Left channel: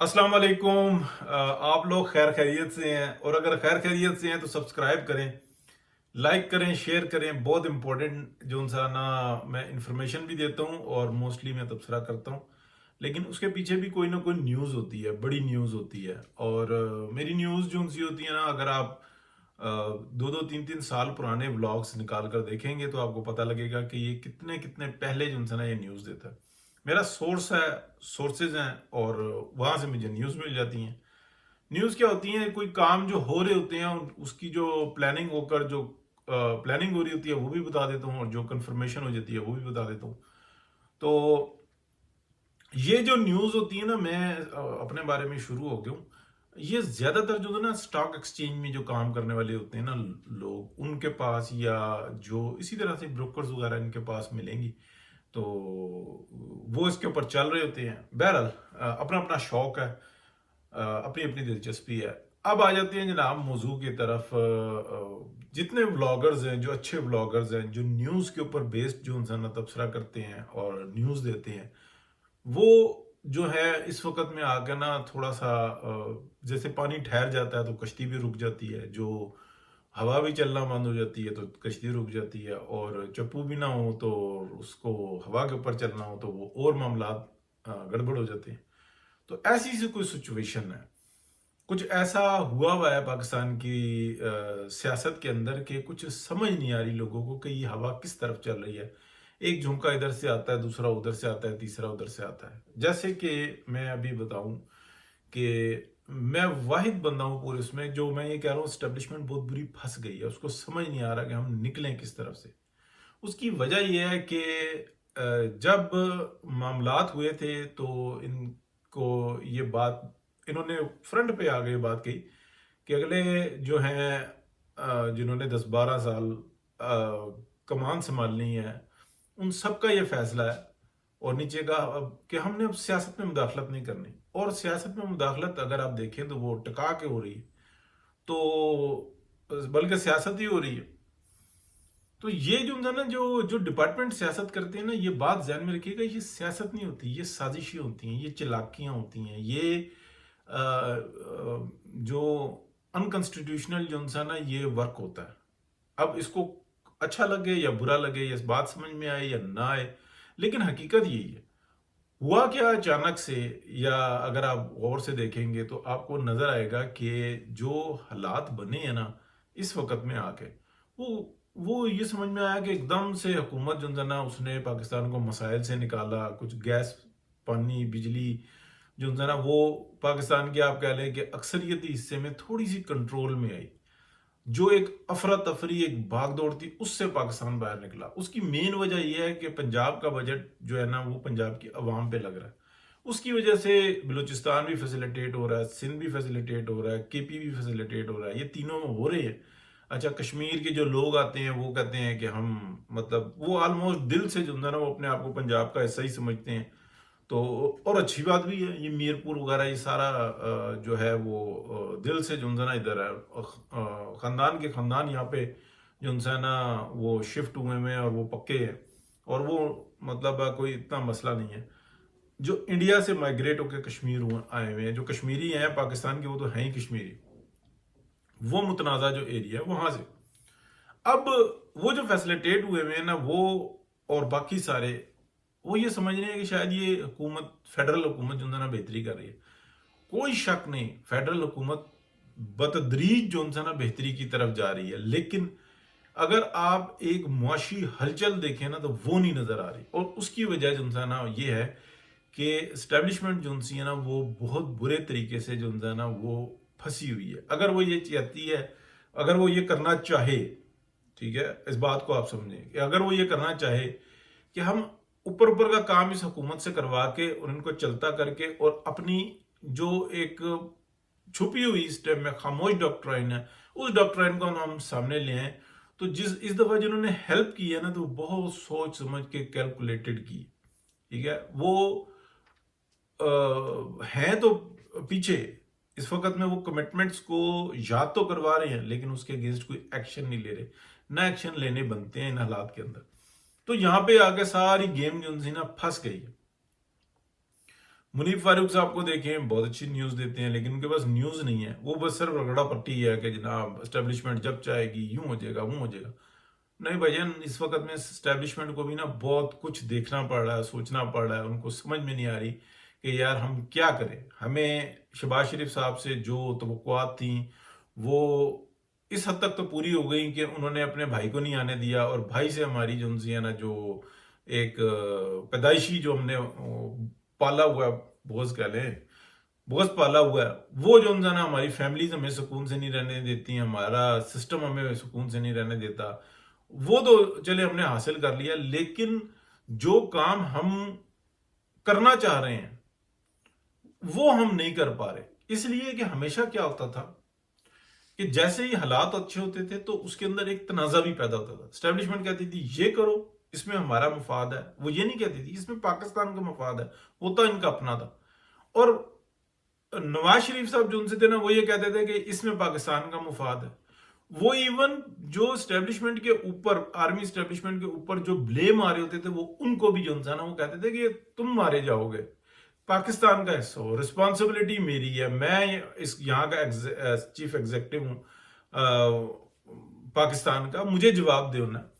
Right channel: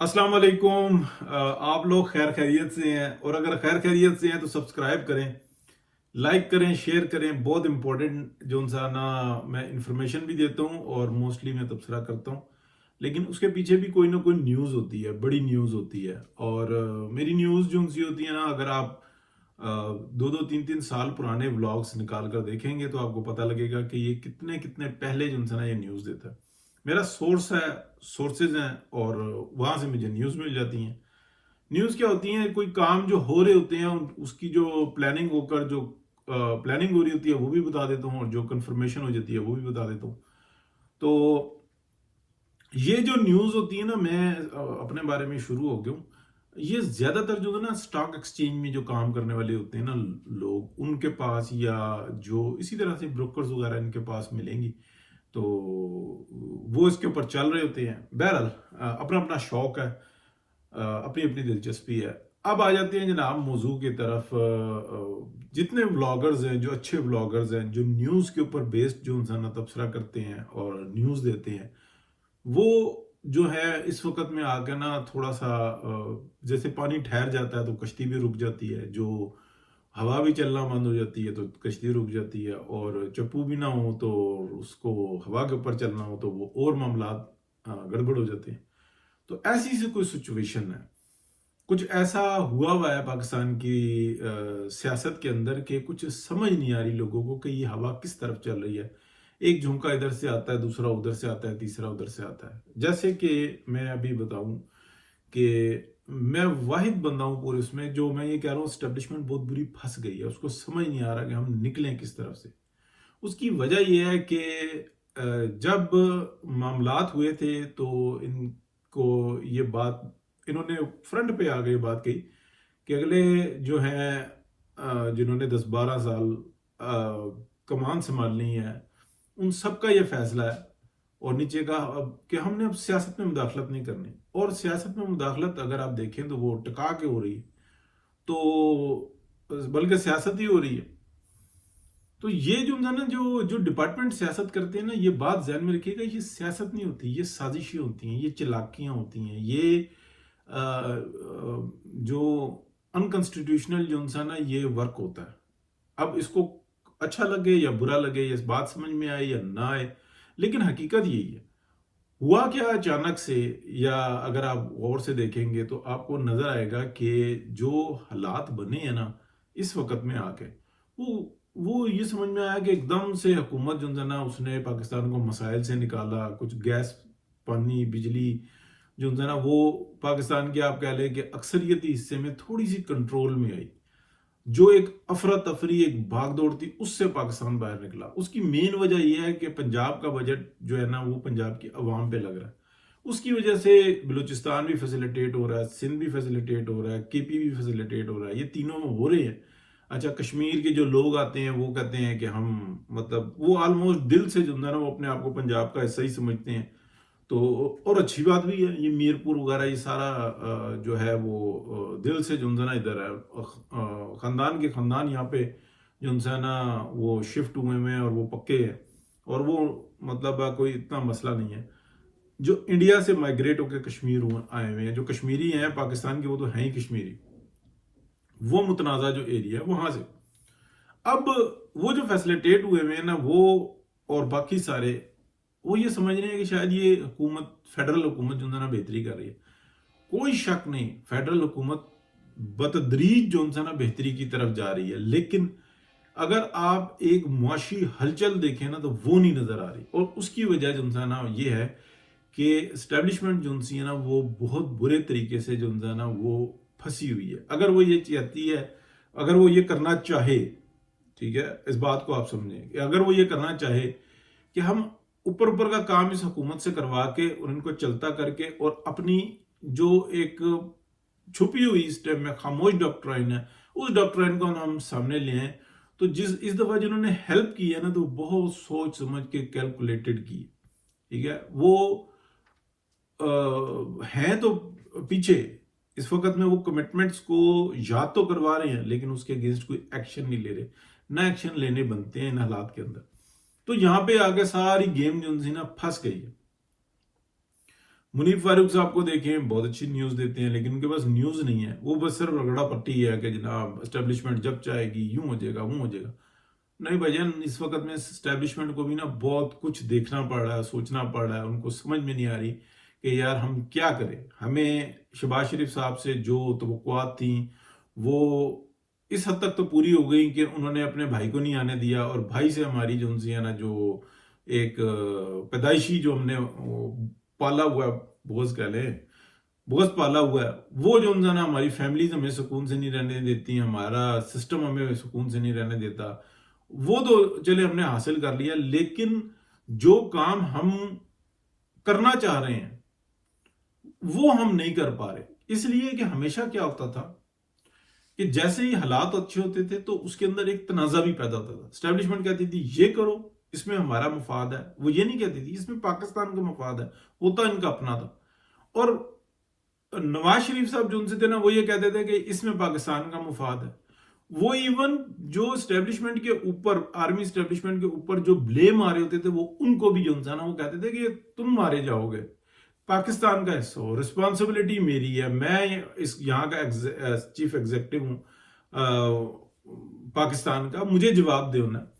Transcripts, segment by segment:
अस्सलाम वालेकुम। आप लोग खैर खैरियत से हैं, और अगर खैर खैरियत से हैं तो सब्सक्राइब करें, लाइक करें, शेयर करें। बहुत इंपॉर्टेंट जो सा ना मैं इंफॉर्मेशन भी देता हूँ और मोस्टली मैं तबसरा करता हूँ, लेकिन उसके पीछे भी कोई ना कोई न्यूज़ होती है, बड़ी न्यूज़ होती है। और मेरी न्यूज़ जो सी होती है ना, अगर आप दो दो तीन तीन साल पुराने व्लॉग्स निकाल कर देखेंगे तो आपको पता लगेगा कि ये कितने कितने पहले जो सा ना ये न्यूज़ देता है। मेरा सोर्स है, सोर्सेज हैं, और वहां से मुझे न्यूज़ मिल जाती हैं। न्यूज़ क्या होती है? कोई काम जो हो रहे होते हैं उसकी जो प्लानिंग होकर जो प्लानिंग हो रही होती है वो भी बता देता हूँ, और जो कंफर्मेशन हो जाती है वो भी बता देता हूँ। तो ये जो न्यूज़ होती है ना, मैं अपने बारे में शुरू हो गया हूँ। ये ज्यादातर जो है ना स्टॉक एक्सचेंज में जो काम करने वाले होते हैं ना लोग, उनके पास, या जो इसी तरह से ब्रोकर्स वगैरह इनके पास मिलेंगी, तो वो इसके ऊपर चल रहे होते हैं। बहरहाल अपना अपना शौक है, अपनी अपनी दिलचस्पी है। अब आ जाते हैं जनाब मौजू की तरफ। जितने व्लॉगर्स हैं, जो अच्छे व्लॉगर्स हैं, जो न्यूज़ के ऊपर बेस्ड जो इंसान तबसरा करते हैं और न्यूज़ देते हैं, वो जो है इस वक्त में आकर ना थोड़ा सा जैसे पानी ठहर जाता है तो कश्ती भी रुक जाती है, जो हवा भी चलना बंद हो जाती है तो कश्ती रुक जाती है, और चप्पू भी ना हो तो उसको हवा के ऊपर चलना हो तो वो और मामला गड़बड़ हो जाते हैं। तो ऐसी सी कोई सिचुएशन है, कुछ ऐसा हुआ है पाकिस्तान की सियासत के अंदर कि कुछ समझ नहीं आ रही लोगों को कि ये हवा किस तरफ चल रही है। एक झोंका इधर से आता है, दूसरा उधर से आता है, तीसरा उधर से आता है। जैसे कि मैं अभी बताऊं कि मैं वाहिद बंदा हूं पूरे उसमें, जो मैं ये कह रहा हूँ स्टेब्लिशमेंट बहुत बुरी फंस गई है, उसको समझ नहीं आ रहा कि हम निकलें किस तरफ से। उसकी वजह यह है कि जब मामलात हुए थे तो इनको ये बात, इन्होंने फ्रंट पे आ गई बात कही कि अगले जो हैं जिन्होंने 10-12 साल कमान संभालनी है, उन सबका ये फैसला है। और नीचे का अब कि हमने अब सियासत में मुदाखलत नहीं करनी, और सियासत में मुदाखलत अगर आप देखें तो वो टिका के हो रही है, तो बल्कि सियासत ही हो रही है। तो ये जो है ना, जो जो डिपार्टमेंट सियासत करते हैं ना, ये बात ध्यान में रखिएगा, ये सियासत नहीं होती, ये साजिशें होती हैं, ये चालाकियां होती हैं, ये जो अनकॉन्स्टिट्यूशनल जो सा ना ये वर्क होता है। अब इसको अच्छा लगे या बुरा लगे, या इस बात समझ में आए या ना आए, लेकिन हकीकत यही है। हुआ क्या अचानक से, या अगर आप गौर से देखेंगे तो आपको नजर आएगा कि जो हालात बने हैं ना इस वक्त में आके, वो ये समझ में आया कि एकदम से हुकूमत जो है ना उसने पाकिस्तान को मसाइल से निकाला। कुछ गैस, पानी, बिजली जो है ना वो पाकिस्तान के आप कह लें कि अक्सरियती हिस्से में थोड़ी सी कंट्रोल में आई। जो एक अफरा तफरी, एक भाग दौड़ थी, उससे पाकिस्तान बाहर निकला। उसकी मेन वजह यह है कि पंजाब का बजट जो है ना वो पंजाब की अवाम पे लग रहा है। उसकी वजह से बलूचिस्तान भी फैसिलिटेट हो रहा है, सिंध भी फैसिलिटेट हो रहा है, केपी भी फैसिलिटेट हो रहा है, ये तीनों में हो रहे हैं। अच्छा, कश्मीर के जो लोग आते हैं वो कहते हैं कि हम, मतलब वो ऑलमोस्ट दिल से जो है ना वो अपने आप को पंजाब का हिस्सा ही समझते हैं। तो और अच्छी बात भी है, ये मीरपुर वगैरह ये सारा जो है वो दिल से जो है ना इधर है। खानदान के खानदान यहाँ पे जो है ना वो शिफ्ट हुए हैं और वो पक्के हैं, और वो मतलब कोई इतना मसला नहीं है। जो इंडिया से माइग्रेट होकर कश्मीर आए हुए हैं, जो कश्मीरी हैं पाकिस्तान के, वो तो हैं ही कश्मीरी, वो मुतनाज़ा जो एरिया है वहां से। अब वो जो फैसिलिटेट हुए हुए हैं ना वो, और बाकी सारे, वो ये समझ रहे हैं कि शायद ये हुकूमत, फेडरल हुकूमत जो है ना बेहतरी कर रही है। कोई शक नहीं, फेडरल हुकूमत बतदरीज जो है ना बेहतरी की तरफ जा रही है, लेकिन अगर आप एक मुआशी हलचल देखें ना तो वो नहीं नजर आ रही। और उसकी वजह जो है ना ये है कि स्टैब्लिशमेंट जो है ना वो बहुत बुरे तरीके से जो है ना वो फंसी हुई है। अगर वो ये चाहती है, अगर वो ये करना चाहे, ठीक है, इस बात को आप समझें कि अगर वो ये करना चाहे कि हम ऊपर ऊपर का काम इस हुकूमत से करवा के और इनको चलता करके, और अपनी जो एक छुपी हुई इस टाइम में खामोश डॉक्ट्राइन है, उस डॉक्ट्राइन को हम सामने ले आए, तो जिस इस दफा जिन्होंने हेल्प की है ना तो बहुत सोच समझ के कैलकुलेटेड की, ठीक है। वो हैं तो पीछे इस वक्त में, वो कमिटमेंट्स को याद तो करवा रहे हैं लेकिन उसके अगेंस्ट कोई एक्शन नहीं ले रहे। ना एक्शन लेने बनते हैं इन हालात के अंदर। तो यहां पे आके सारी गेम जो उनसी ना फंस गई है। मुनीफ फारूक साहब को देखें, बहुत अच्छी न्यूज़ देते हैं, लेकिन उनके पास न्यूज़ नहीं है। वो बस सिर्फ रगड़ा पट्टी है कि जनाब एस्टेब्लिशमेंट जब चाहेगी यूं हो जाएगा, वो हो जाएगा। नहीं भाईजान, इस वक्त में एस्टेब्लिशमेंट को भी ना बहुत कुछ देखना पड़ रहा है, सोचना पड़ रहा है। उनको समझ में नहीं आ रही कि यार हम क्या करें। हमें शहबाज शरीफ साहब से जो तवक्कुआत थी वो इस हद तक तो पूरी हो गई कि उन्होंने अपने भाई को नहीं आने दिया, और भाई से हमारी जो उनसे है ना, जो एक पैदाइशी जो हमने पाला हुआ है, बोझ कह लें, बोझ पाला हुआ है, वो जो उनसे ना हमारी फैमिलीज हमें सुकून से नहीं रहने देती, हमारा सिस्टम हमें सुकून से नहीं रहने देता, वो तो चले हमने हासिल कर लिया। लेकिन जो काम हम करना चाह रहे हैं वो हम नहीं कर पा रहे। इसलिए कि हमेशा क्या होता था कि जैसे ही हालात अच्छे होते थे तो उसके अंदर एक तनाजा भी पैदा होता था। स्टैब्लिशमेंट कहती थी ये करो, इसमें हमारा मफाद है। वो ये नहीं कहती थी इसमें पाकिस्तान का मफाद है, होता इनका अपना था। और नवाज शरीफ साहब जो उनसे थे ना, वो ये कहते थे कि इसमें पाकिस्तान का मुफाद है। वो इवन जो स्टैब्लिशमेंट के ऊपर, आर्मी स्टैब्लिशमेंट के ऊपर जो ब्लेम आ रहे होते थे, वो उनको भी जो ना वो कहते थे कि तुम मारे जाओगे, पाकिस्तान का हिस्सा हो, रिस्पॉन्सिबिलिटी मेरी है, मैं इस यहाँ का चीफ एग्जीक्यूटिव हूँ पाकिस्तान का, मुझे जवाब दे ना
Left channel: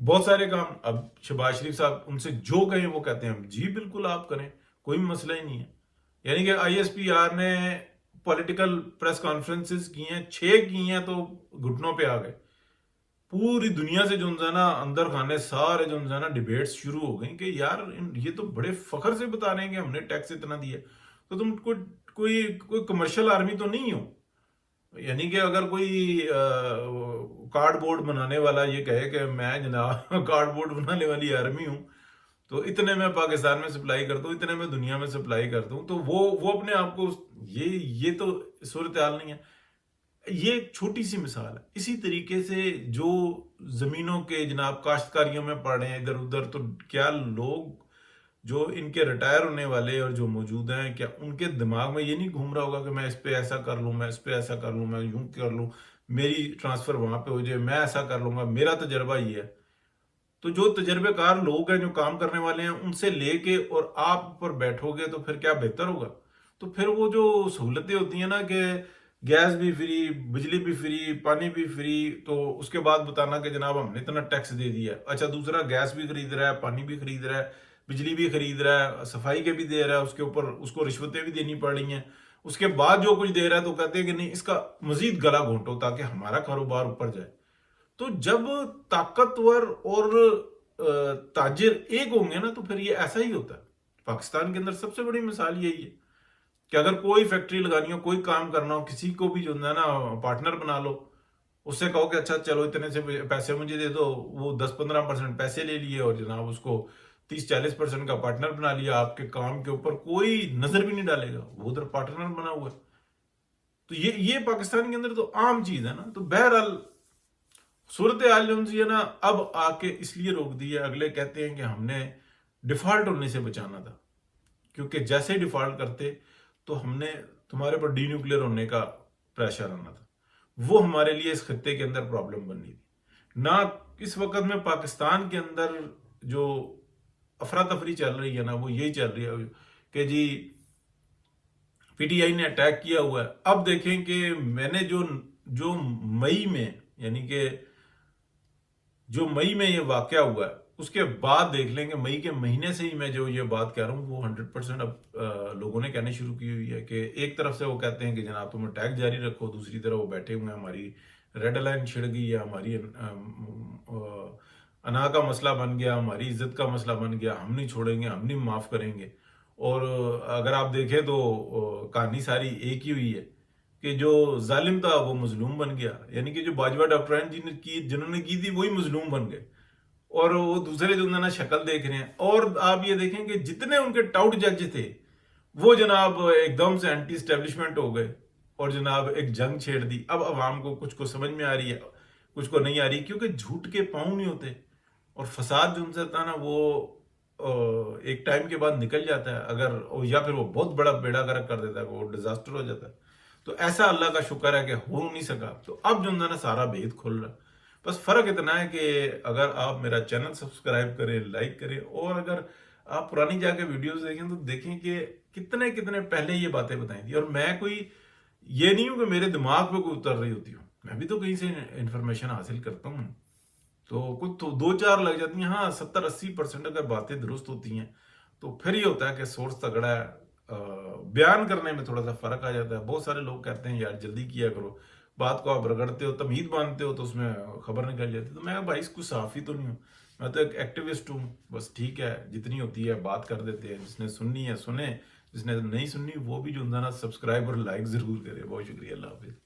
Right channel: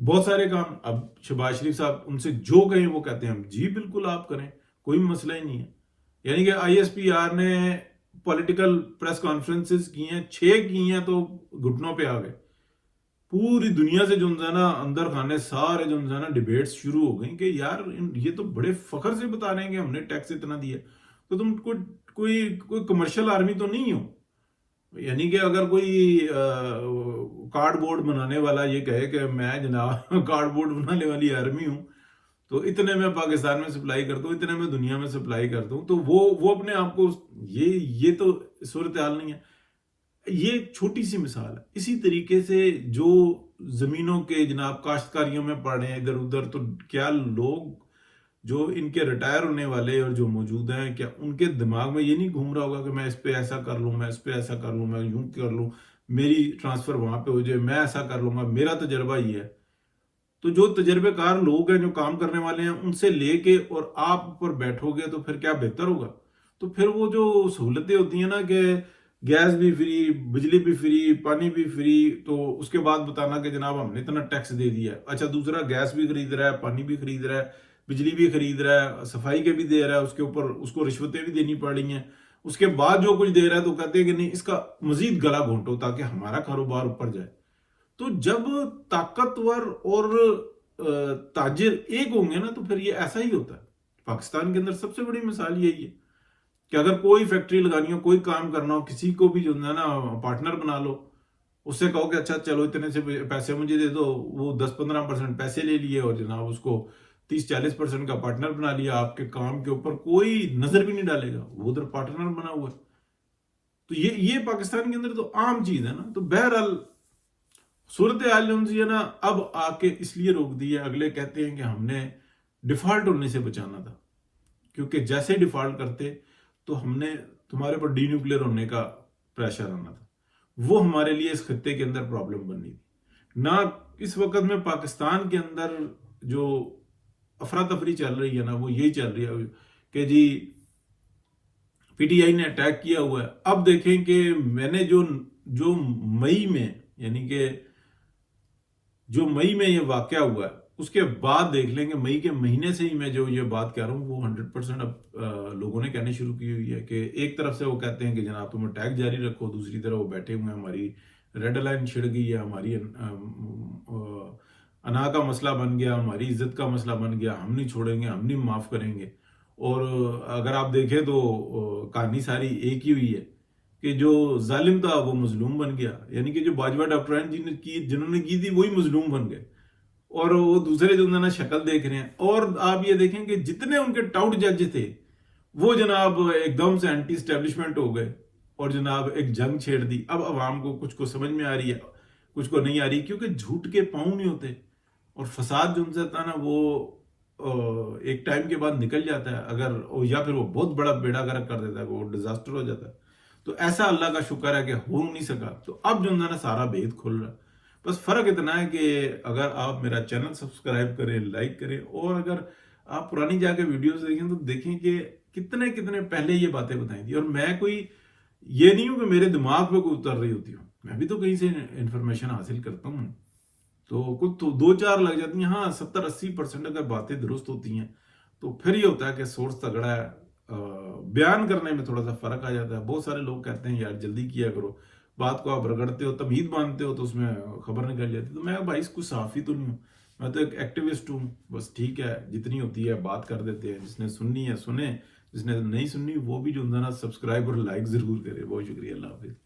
बहुत सारे काम। अब शहबाज शरीफ साहब उनसे जो कहें वो कहते हैं हम जी बिल्कुल आप करें, कोई मसला ही नहीं है। यानी कि ISPR ने पॉलिटिकल प्रेस कॉन्फ्रेंसेस की हैं, 6 की हैं, तो घुटनों पे आ गए। पूरी दुनिया से जो है ना अंदर खाने सारे जो है ना डिबेट्स शुरू हो गई कि यार ये तो बड़े फखर से बता रहे हैं कि हमने टैक्स इतना दिया, तो तुम कोई कमर्शियल आर्मी तो नहीं हो। यानी कि अगर कोई कार्डबोर्ड बनाने वाला ये कहे कि मैं जनाब कार्डबोर्ड बनाने वाली आर्मी हूं, तो इतने में पाकिस्तान में सप्लाई करता हूँ, इतने में दुनिया में सप्लाई करता हूँ, तो वो अपने आप को ये तो सूरत हाल नहीं है। ये एक छोटी सी मिसाल है। इसी तरीके से जो जमीनों के जनाब काश्तकारियों में पड़ रहे हैं इधर उधर, तो क्या लोग जो इनके रिटायर होने वाले और जो मौजूद हैं, क्या उनके दिमाग में ये नहीं घूम रहा होगा कि मैं इस पे ऐसा कर लूं, मैं इस पे ऐसा कर लूं, मैं यूं कर लूं, मेरी ट्रांसफर वहां पे हो जाए, मैं ऐसा कर लूंगा, मेरा तजर्बा ये है। तो जो तजर्बेकार लोग हैं, जो काम करने वाले हैं, उनसे लेके और आप ऊपर बैठोगे तो फिर क्या बेहतर होगा। तो फिर वो जो सहूलतें होती हैं ना कि गैस भी फ्री, बिजली भी फ्री, पानी भी फ्री, तो उसके बाद बताना कि जनाब हमने इतना टैक्स दे दिया। अच्छा, दूसरा गैस भी खरीद रहा है, पानी भी खरीद रहा है, बिजली भी खरीद रहा है, सफाई के भी दे रहा है, उसके ऊपर उसको रिश्वतें भी देनी पड़ रही हैं। उसके बाद जो कुछ दे रहा है तो कहते हैं कि नहीं, इसका मजीद गला घोंटो ताकि हमारा कारोबार ऊपर जाए। तो जब ताकतवर और ताजिर एक होंगे ना, तो फिर ये ऐसा ही होता है। पाकिस्तान के अंदर सबसे बड़ी मिसाल यही है कि अगर कोई फैक्ट्री लगानी हो, कोई काम करना हो, किसी को भी जो है ना पार्टनर बना लो, उससे कहो कि अच्छा चलो इतने से पैसे मुझे दे दो, वो 10-15% पैसे ले लिए और जनाब उसको 30-40% का पार्टनर बना लिया। आपके काम के ऊपर कोई नजर भी नहीं डालेगा, वो उधर पार्टनर बना हुआ है। तो ये पाकिस्तान के अंदर तो आम चीज है ना। तो बहरहाल सूरत हाल जो है ना, अब आके इसलिए रोक दी है। अगले कहते हैं कि हमने डिफॉल्ट होने से बचाना था, क्योंकि जैसे डिफॉल्ट करते तो हमने तुम्हारे पर डी न्यूक्लियर होने का प्रेशर आना था। वो हमारे लिए इस खत्ते के अंदर प्रॉब्लम बननी थी ना। इस वक्त में पाकिस्तान के अंदर जो अफरा तफरी चल रही है ना, वो यही चल रही है कि जी PTI ने अटैक किया हुआ है। अब देखें कि मैंने जो जो मई में, यानी कि जो मई में ये वाकया हुआ है, उसके बाद देख लेंगे। मई के महीने से ही मैं जो ये बात कह रहा हूँ वो 100% अब लोगों ने कहनी शुरू की हुई है कि एक तरफ से वो कहते हैं कि जनाब तुम अटैक जारी रखो, दूसरी तरफ वो बैठे हुए हैं, हमारी रेड लाइन छिड़ गई है, हमारी अना का मसला बन गया, हमारी इज्जत का मसला बन गया, हम नहीं छोड़ेंगे, हम नहीं माफ करेंगे। और अगर आप देखें तो कहानी सारी एक ही हुई है कि जो जालिम था वो मजलूम बन गया। यानी कि जो बाजवा डॉक्टराइन जिन्होंने की थी वही मजलूम बन गए, और वो दूसरे जो ना शक्ल देख रहे हैं। और आप ये देखें कि जितने उनके टाउट जज थे वो जनाब एकदम से एंटी स्टैब्लिशमेंट हो गए और जनाब एक जंग छेड़ दी। अब अवाम को कुछ को समझ में आ रही है, कुछ को नहीं आ रही, क्योंकि झूठ के पाँव नहीं होते। और फसाद जो उनसे था ना, वो एक टाइम के बाद निकल जाता है, अगर या फिर वो बहुत बड़ा बेड़ा गर्क कर देता है, वो डिजास्टर हो जाता है। तो ऐसा अल्लाह का शुक्र है कि हो नहीं सका। तो अब जो है ना सारा भेद खुल रहा है। बस फर्क इतना है कि अगर आप मेरा चैनल सब्सक्राइब करें, लाइक करें, और अगर आप पुरानी जाके वीडियोस देखें तो देखें कि कितने कितने पहले ये बातें बताई थी। और मैं कोई ये नहीं हूं कि मेरे दिमाग पे कोई उतर रही होती हूँ, मैं भी तो कहीं से इंफॉर्मेशन हासिल करता हूँ। तो कुछ तो 2-4 लग जाती हैं, हाँ 70-80% अगर बातें दुरुस्त होती हैं तो फिर ये होता है कि सोर्स तगड़ा है। बयान करने में थोड़ा सा फर्क आ जाता है। बहुत सारे लोग कहते हैं यार जल्दी किया करो, बात को आप रगड़ते हो, तमहीद बांधते हो तो उसमें खबर निकल जाती है। तो मैं भाई इसको सहाफ़ी तो नहीं हूँ, मैं तो एक एक्टिविस्ट हूँ। बस ठीक है, जितनी होती है बात कर देते हैं, जिसने सुननी है सुने, जिसने नहीं सुननी वो भी जो है ना सब्सक्राइब और लाइक जरूर करे। बहुत शुक्रिया, अल्लाह हाफिज।